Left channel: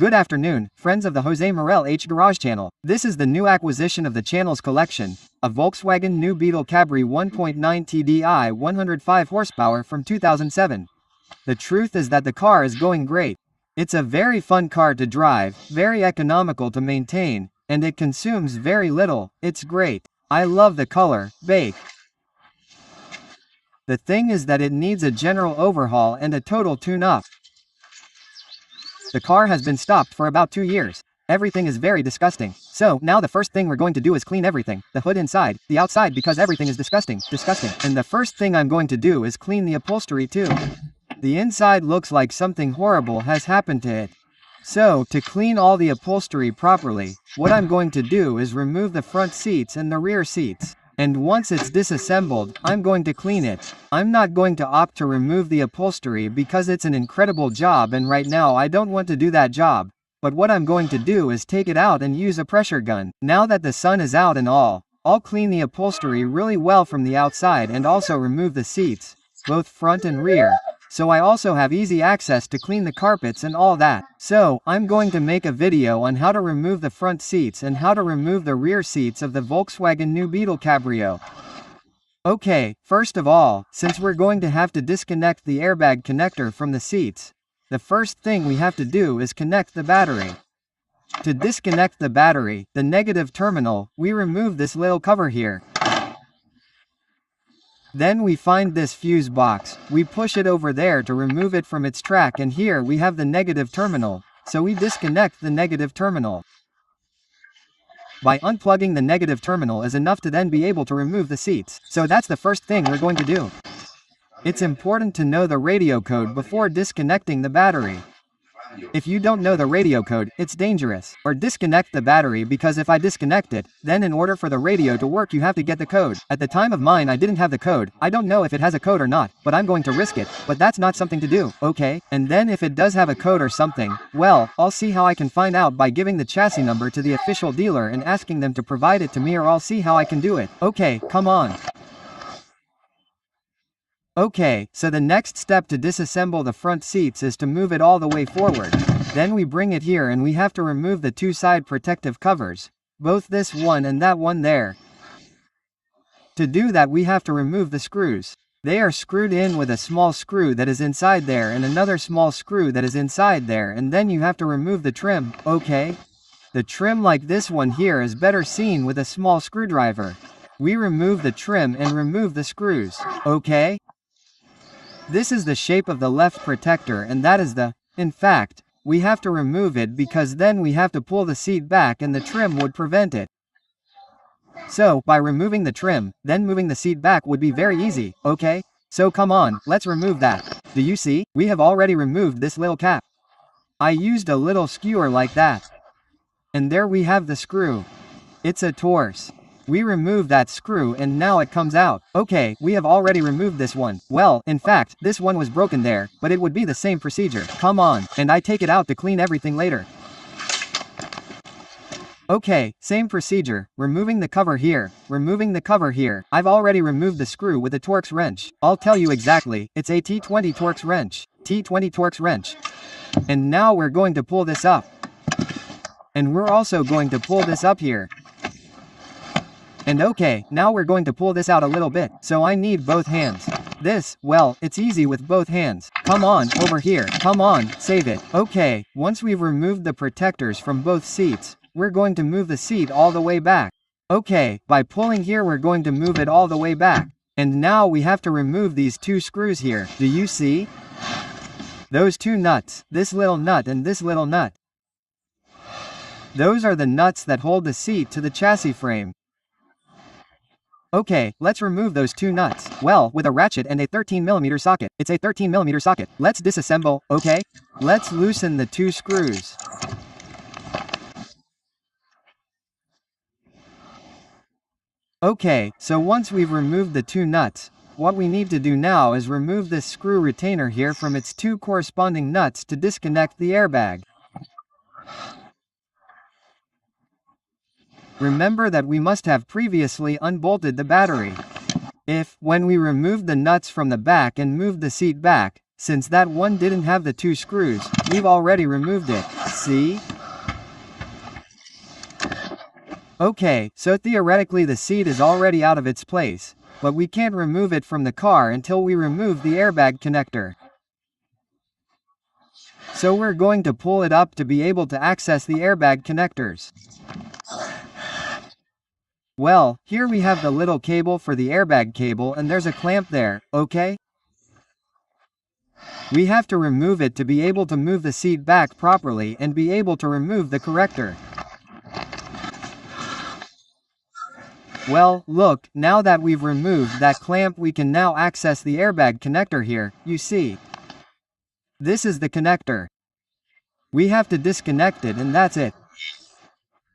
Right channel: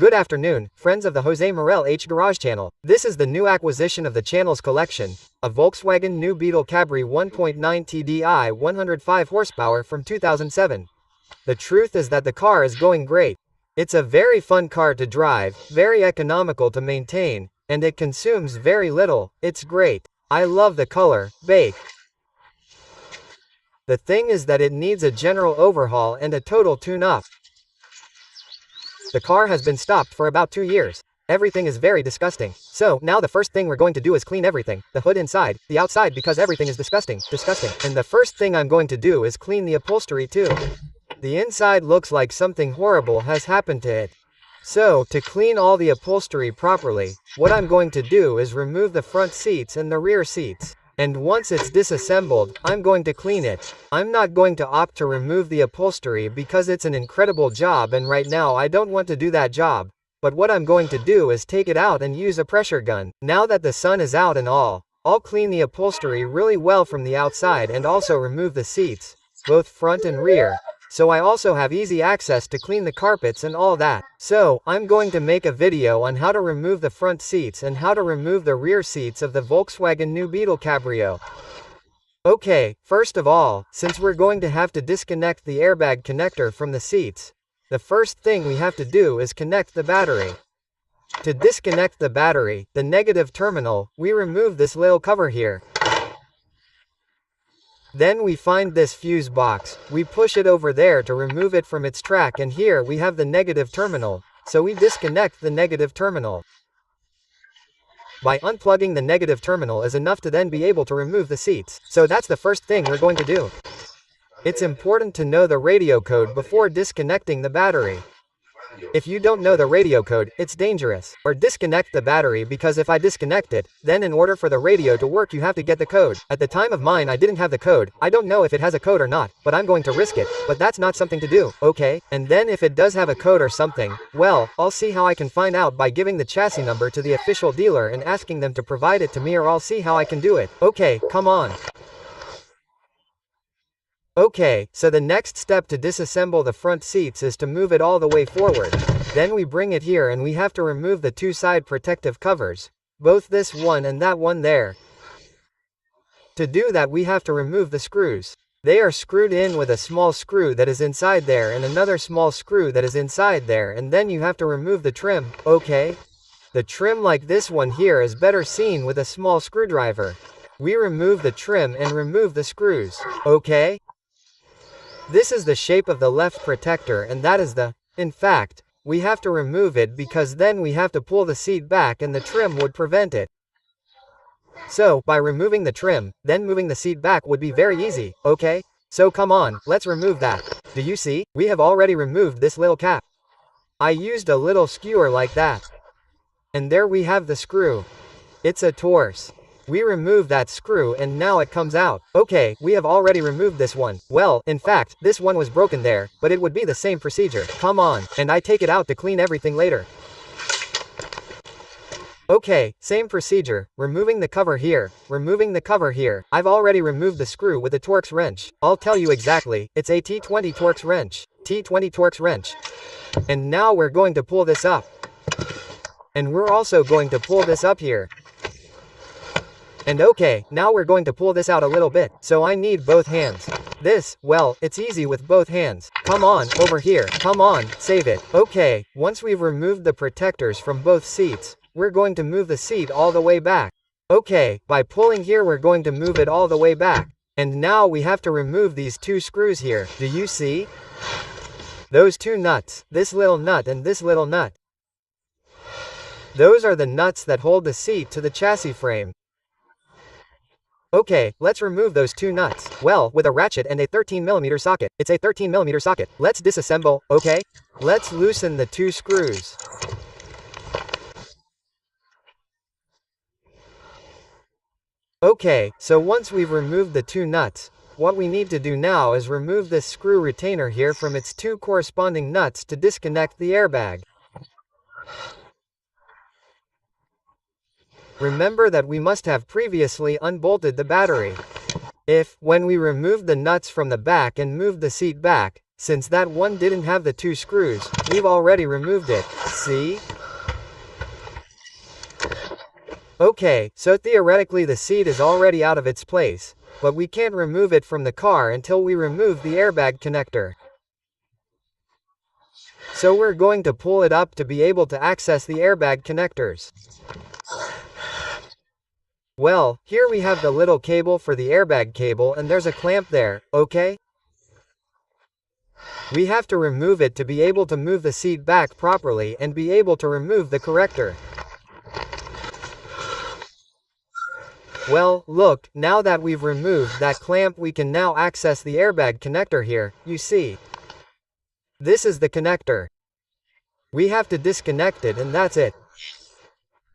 Good afternoon, friends of the Jose Morel H Garage channel. This is the new acquisition of the channel's collection, a Volkswagen New Beetle Cabrio 1.9 TDI 105 horsepower from 2007. The truth is that the car is going great. It's a very fun car to drive, very economical to maintain, and it consumes very little. It's great. I love the color, bake. The thing is that it needs a general overhaul and a total tune-up. The car has been stopped for about 2 years. Everything is very disgusting. So, now the first thing we're going to do is clean everything. The hood inside, the outside, because everything is disgusting. And the first thing I'm going to do is clean the upholstery too. The inside looks like something horrible has happened to it. So, to clean all the upholstery properly, what I'm going to do is remove the front seats and the rear seats. And once it's disassembled, I'm going to clean it. I'm not going to opt to remove the upholstery because it's an incredible job and right now I don't want to do that job. But what I'm going to do is take it out and use a pressure gun. Now that the sun is out and all, I'll clean the upholstery really well from the outside and also remove the seats, both front and rear. So I also have easy access to clean the carpets and all that. So, I'm going to make a video on how to remove the front seats and how to remove the rear seats of the Volkswagen New Beetle Cabrio. Okay, first of all, since we're going to have to disconnect the airbag connector from the seats, the first thing we have to do is connect the battery. To disconnect the battery, the negative terminal, we remove this little cover here. Then we find this fuse box, we push it over there to remove it from its track and here we have the negative terminal, so we disconnect the negative terminal. By unplugging the negative terminal is enough to then be able to remove the seats, so that's the first thing we're going to do. It's important to know the radio code before disconnecting the battery. If you don't know the radio code, it's dangerous. Or disconnect the battery because if I disconnect it, then in order for the radio to work you have to get the code. At the time of mine I didn't have the code, I don't know if it has a code or not, but I'm going to risk it, but that's not something to do, okay? And then if it does have a code or something, well, I'll see how I can find out by giving the chassis number to the official dealer and asking them to provide it to me or I'll see how I can do it. Okay, come on. Okay, so the next step to disassemble the front seats is to move it all the way forward. Then we bring it here and we have to remove the two side protective covers. Both this one and that one there. To do that we have to remove the screws. They are screwed in with a small screw that is inside there and another small screw that is inside there and then you have to remove the trim, okay? The trim like this one here is better seen with a small screwdriver. We remove the trim and remove the screws, okay? This is the shape of the left protector and that is in fact, we have to remove it because then we have to pull the seat back and the trim would prevent it. So, by removing the trim, then moving the seat back would be very easy, okay? So come on, let's remove that. Do you see? We have already removed this little cap. I used a little skewer like that. And there we have the screw. It's a Torx. We remove that screw and now it comes out. Okay, we have already removed this one. Well, in fact, this one was broken there, but it would be the same procedure. Come on, and I take it out to clean everything later. Okay, same procedure, removing the cover here, removing the cover here. I've already removed the screw with a Torx wrench. I'll tell you exactly, it's a T20 Torx wrench. T20 Torx wrench. And now we're going to pull this up. And we're also going to pull this up here. And okay, now we're going to pull this out a little bit, so I need both hands. This, well, it's easy with both hands. Come on, over here, come on, save it. Okay, once we've removed the protectors from both seats, we're going to move the seat all the way back. Okay, by pulling here we're going to move it all the way back. And now we have to remove these two screws here. Do you see? Those two nuts, this little nut and this little nut. Those are the nuts that hold the seat to the chassis frame. Okay, let's remove those two nuts. Well, with a ratchet and a 13mm socket. It's a 13mm socket. Let's disassemble, okay? Let's loosen the two screws. Okay, so once we've removed the two nuts, what we need to do now is remove this screw retainer here from its two corresponding nuts to disconnect the airbag. Remember that we must have previously unbolted the battery. If, when we removed the nuts from the back and moved the seat back, since that one didn't have the two screws, we've already removed it. see? Okay, so theoretically the seat is already out of its place, but we can't remove it from the car until we remove the airbag connector. So we're going to pull it up to be able to access the airbag connectors. Well, here we have the little cable for the airbag cable and there's a clamp there, okay? We have to remove it to be able to move the seat back properly and be able to remove the corrector. Well, look, now that we've removed that clamp we can now access the airbag connector here, you see. This is the connector. We have to disconnect it and that's it.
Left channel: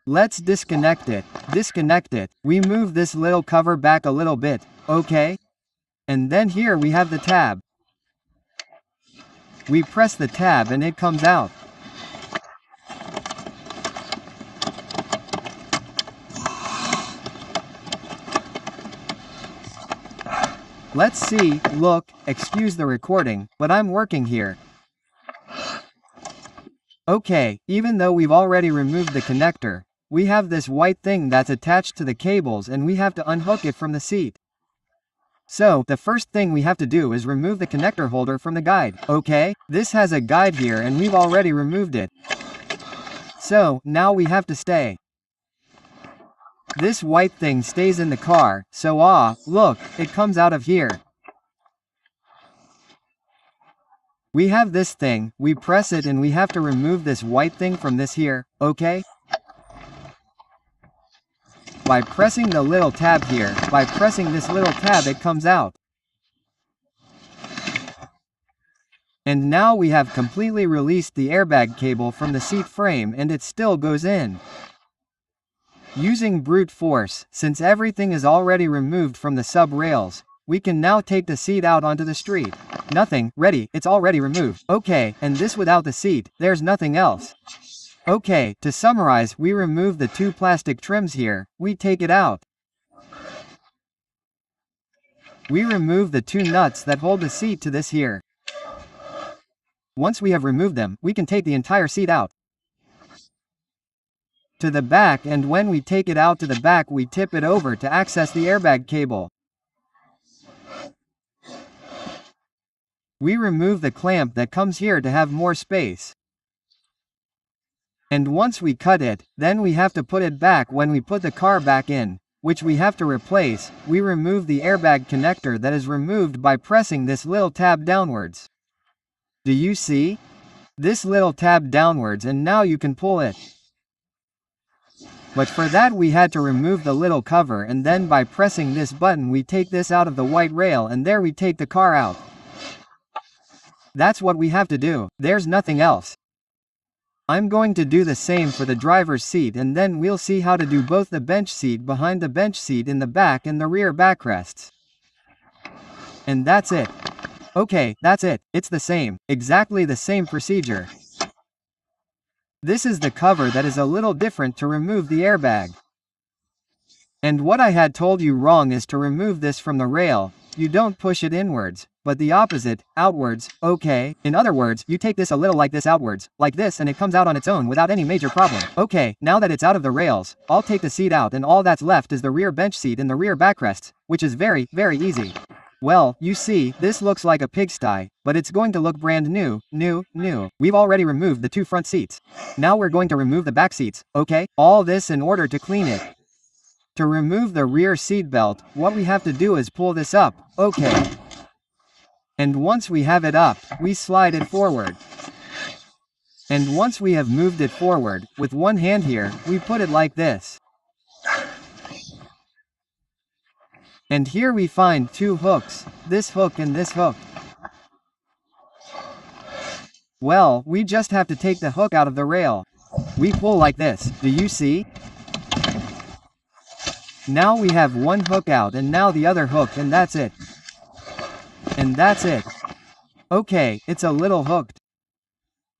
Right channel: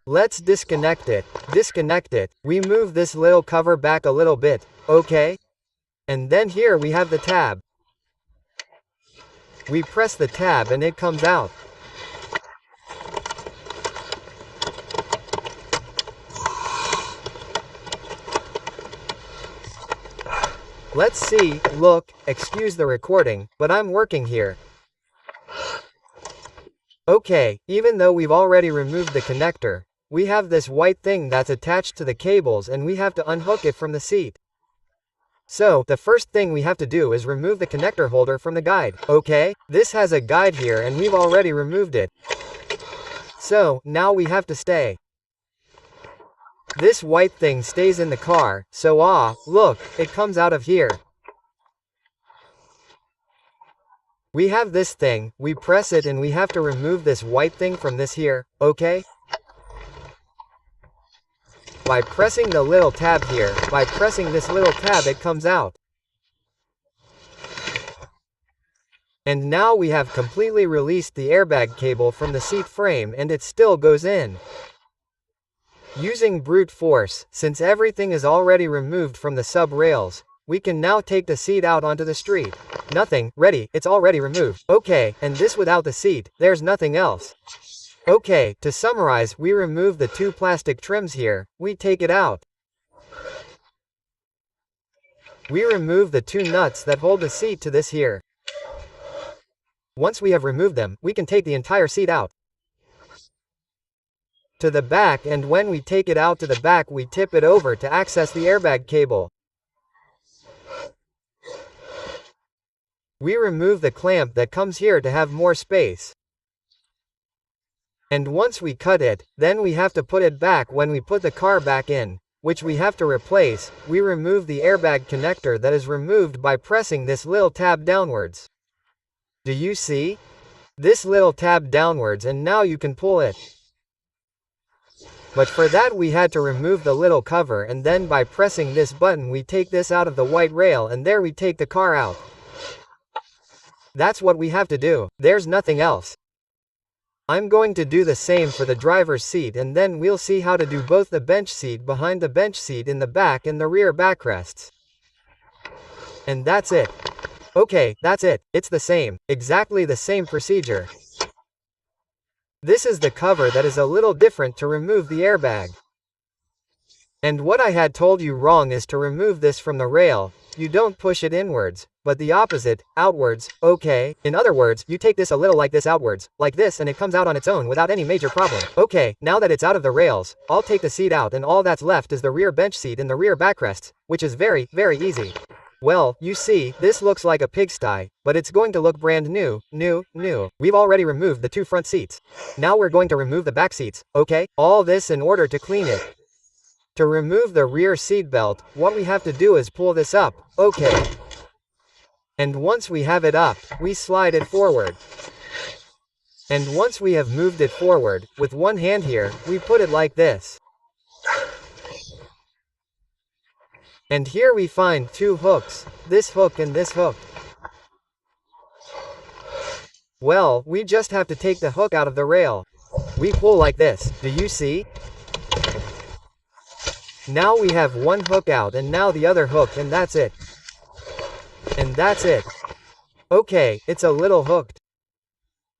Let's disconnect it. Disconnect it. We move this little cover back a little bit, okay? And then here we have the tab. We press the tab and it comes out. Let's see, look, excuse the recording, but I'm working here. Okay, even though we've already removed the connector, we have this white thing that's attached to the cables and we have to unhook it from the seat. So, the first thing we have to do is remove the connector holder from the guide, okay? This has a guide here and we've already removed it. So, now we have to stay. This white thing stays in the car, so look, it comes out of here. We have this thing, we press it and we have to remove this white thing from this here, okay? By pressing the little tab here, by pressing this little tab it comes out. And now we have completely released the airbag cable from the seat frame and it still goes in. Using brute force, since everything is already removed from the sub rails, we can now take the seat out onto the street. Nothing, ready, it's already removed. Okay, and this without the seat, there's nothing else. Okay, to summarize, we remove the two plastic trims here, we take it out. We remove the two nuts that hold the seat to this here. Once we have removed them, we can take the entire seat out to the back, and when we take it out to the back we tip it over to access the airbag cable. We remove the clamp that comes here to have more space. And once we cut it, then we have to put it back when we put the car back in, which we have to replace. We remove the airbag connector that is removed by pressing this little tab downwards. Do you see? This little tab downwards and now you can pull it. But for that we had to remove the little cover and then by pressing this button we take this out of the white rail and there we take the car out. That's what we have to do, there's nothing else. I'm going to do the same for the driver's seat and then we'll see how to do both the bench seat behind the bench seat in the back and the rear backrests. And that's it. Okay, that's it, it's the same, exactly the same procedure. This is the cover that is a little different to remove the airbag. And what I had told you wrong is to remove this from the rail, you don't push it inwards, but the opposite, outwards, okay? In other words, you take this a little like this outwards, like this and it comes out on its own without any major problem. Okay, now that it's out of the rails, I'll take the seat out and all that's left is the rear bench seat and the rear backrests, which is very, very easy. Well, you see, this looks like a pigsty, but it's going to look brand new. We've already removed the two front seats. Now we're going to remove the back seats, okay? All this in order to clean it. To remove the rear seat belt, what we have to do is pull this up, okay? And once we have it up, we slide it forward. And once we have moved it forward, with one hand here, we put it like this. And here we find two hooks, this hook and this hook. Well, we just have to take the hook out of the rail. We pull like this, do you see? Now we have one hook out and now the other hook and that's it. And that's it. Okay, it's a little hooked.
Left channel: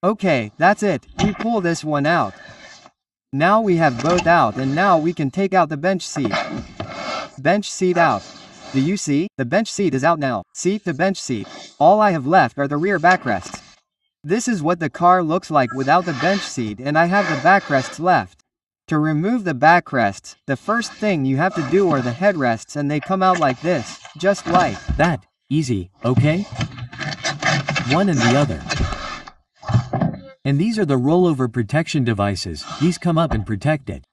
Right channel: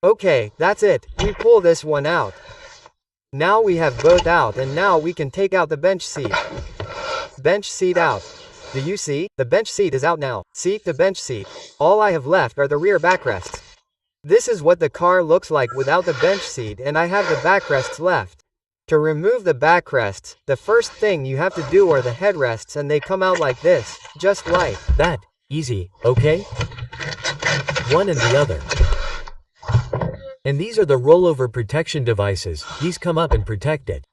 Okay, that's it, we pull this one out. Now we have both out and now we can take out the bench seat. Bench seat out. Do you see? The bench seat is out now. See, the bench seat. All I have left are the rear backrests. This is what the car looks like without the bench seat, and I have the backrests left. To remove the backrests, the first thing you have to do are the headrests, and they come out like this, just like that. Easy, okay? One and the other. And these are the rollover protection devices. These come up and protect it.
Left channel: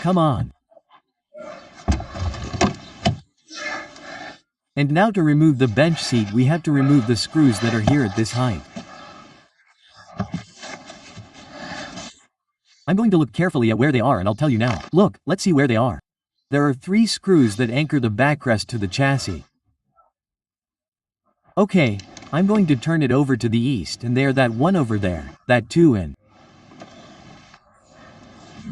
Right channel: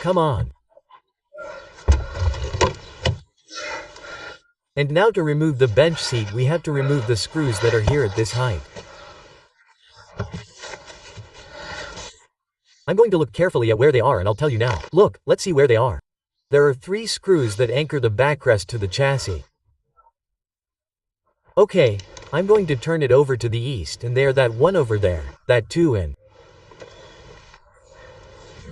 Come on. And now to remove the bench seat, we have to remove the screws that are here at this height. I'm going to look carefully at where they are and I'll tell you now. Look, let's see where they are. There are 3 screws that anchor the backrest to the chassis. Okay, I'm going to turn it over to the east, and there, that one over there, that 2 and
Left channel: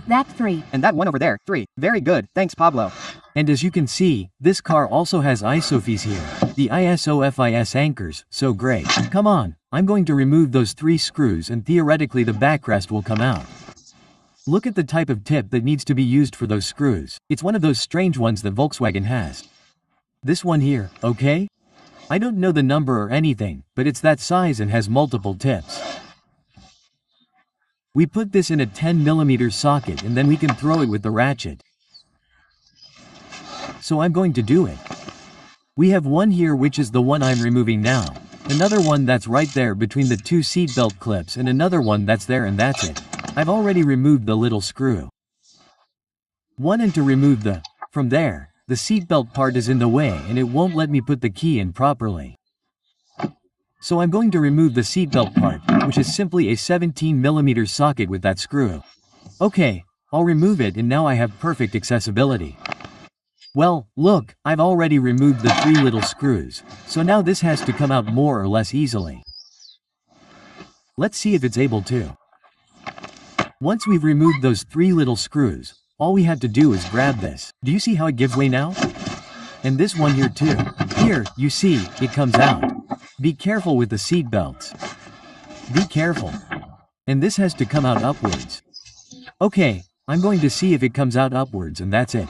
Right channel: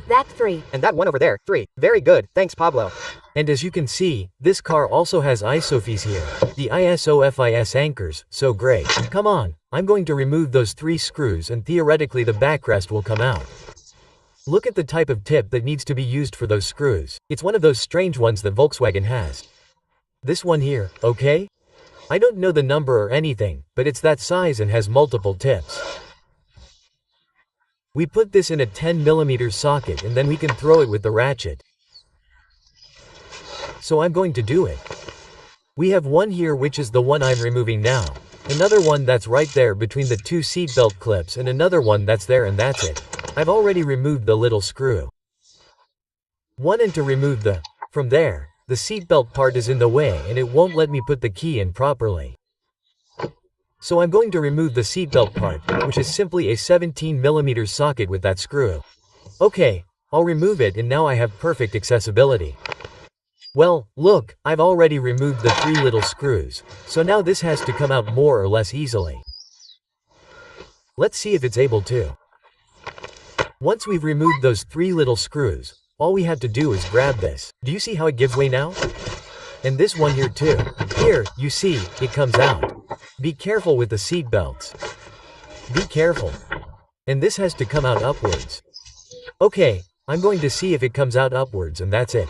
that 3. and that one over there, 3. Very good, thanks Pablo. And as you can see, this car also has ISOFIS here, the ISOFIS anchors, so great. Come on, I'm going to remove those 3 screws and theoretically the backrest will come out. Look at the type of tip that needs to be used for those screws. It's one of those strange ones that Volkswagen has. This one here, okay? I don't know the number or anything, but it's that size and has multiple tips. We put this in a 10mm socket and then we can throw it with the ratchet. So I'm going to do it. We have one here which is the one I'm removing now. Another one that's right there between the 2 seatbelt clips and another one that's there, and that's it. I've already removed the little screw. One, and to remove from there, the seatbelt part is in the way and it won't let me put the key in properly. So I'm going to remove the seatbelt part, which is simply a 17mm socket with that screw. Okay, I'll remove it and now I have perfect accessibility. Well, look, I've already removed the 3 little screws, so now this has to come out more or less easily. Let's see if it's able to. Once we've removed those 3 little screws, all we have to do is grab this. Do you see how it gives way now? And this one here too. Here, you see, it comes out. Be careful with the seat belts. Be careful. And this has to come out upwards. Okay, I'm going to see if it comes out upwards, and that's it.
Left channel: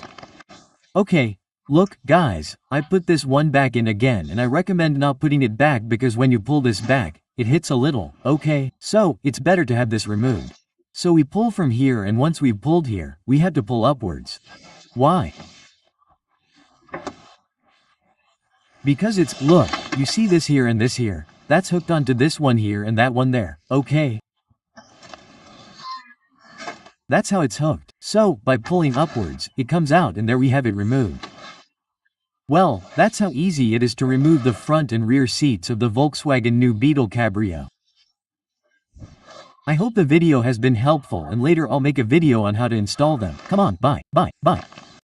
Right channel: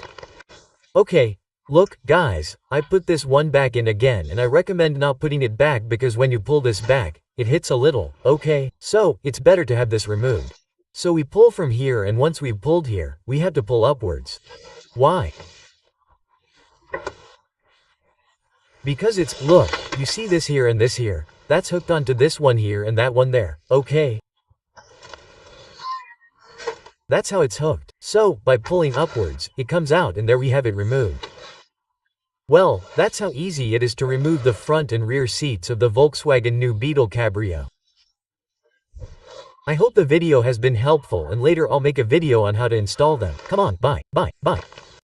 Okay, look, guys, I put this one back in again, and I recommend not putting it back because when you pull this back, it hits a little, okay? So, it's better to have this removed. So we pull from here, and once we've pulled here, we have to pull upwards. Why? Because it's, look, you see this here and this here, that's hooked onto this one here and that one there, okay? That's how it's hooked. So, by pulling upwards, it comes out and there we have it removed. Well, that's how easy it is to remove the front and rear seats of the Volkswagen New Beetle Cabrio. I hope the video has been helpful, and later I'll make a video on how to install them. Come on, bye.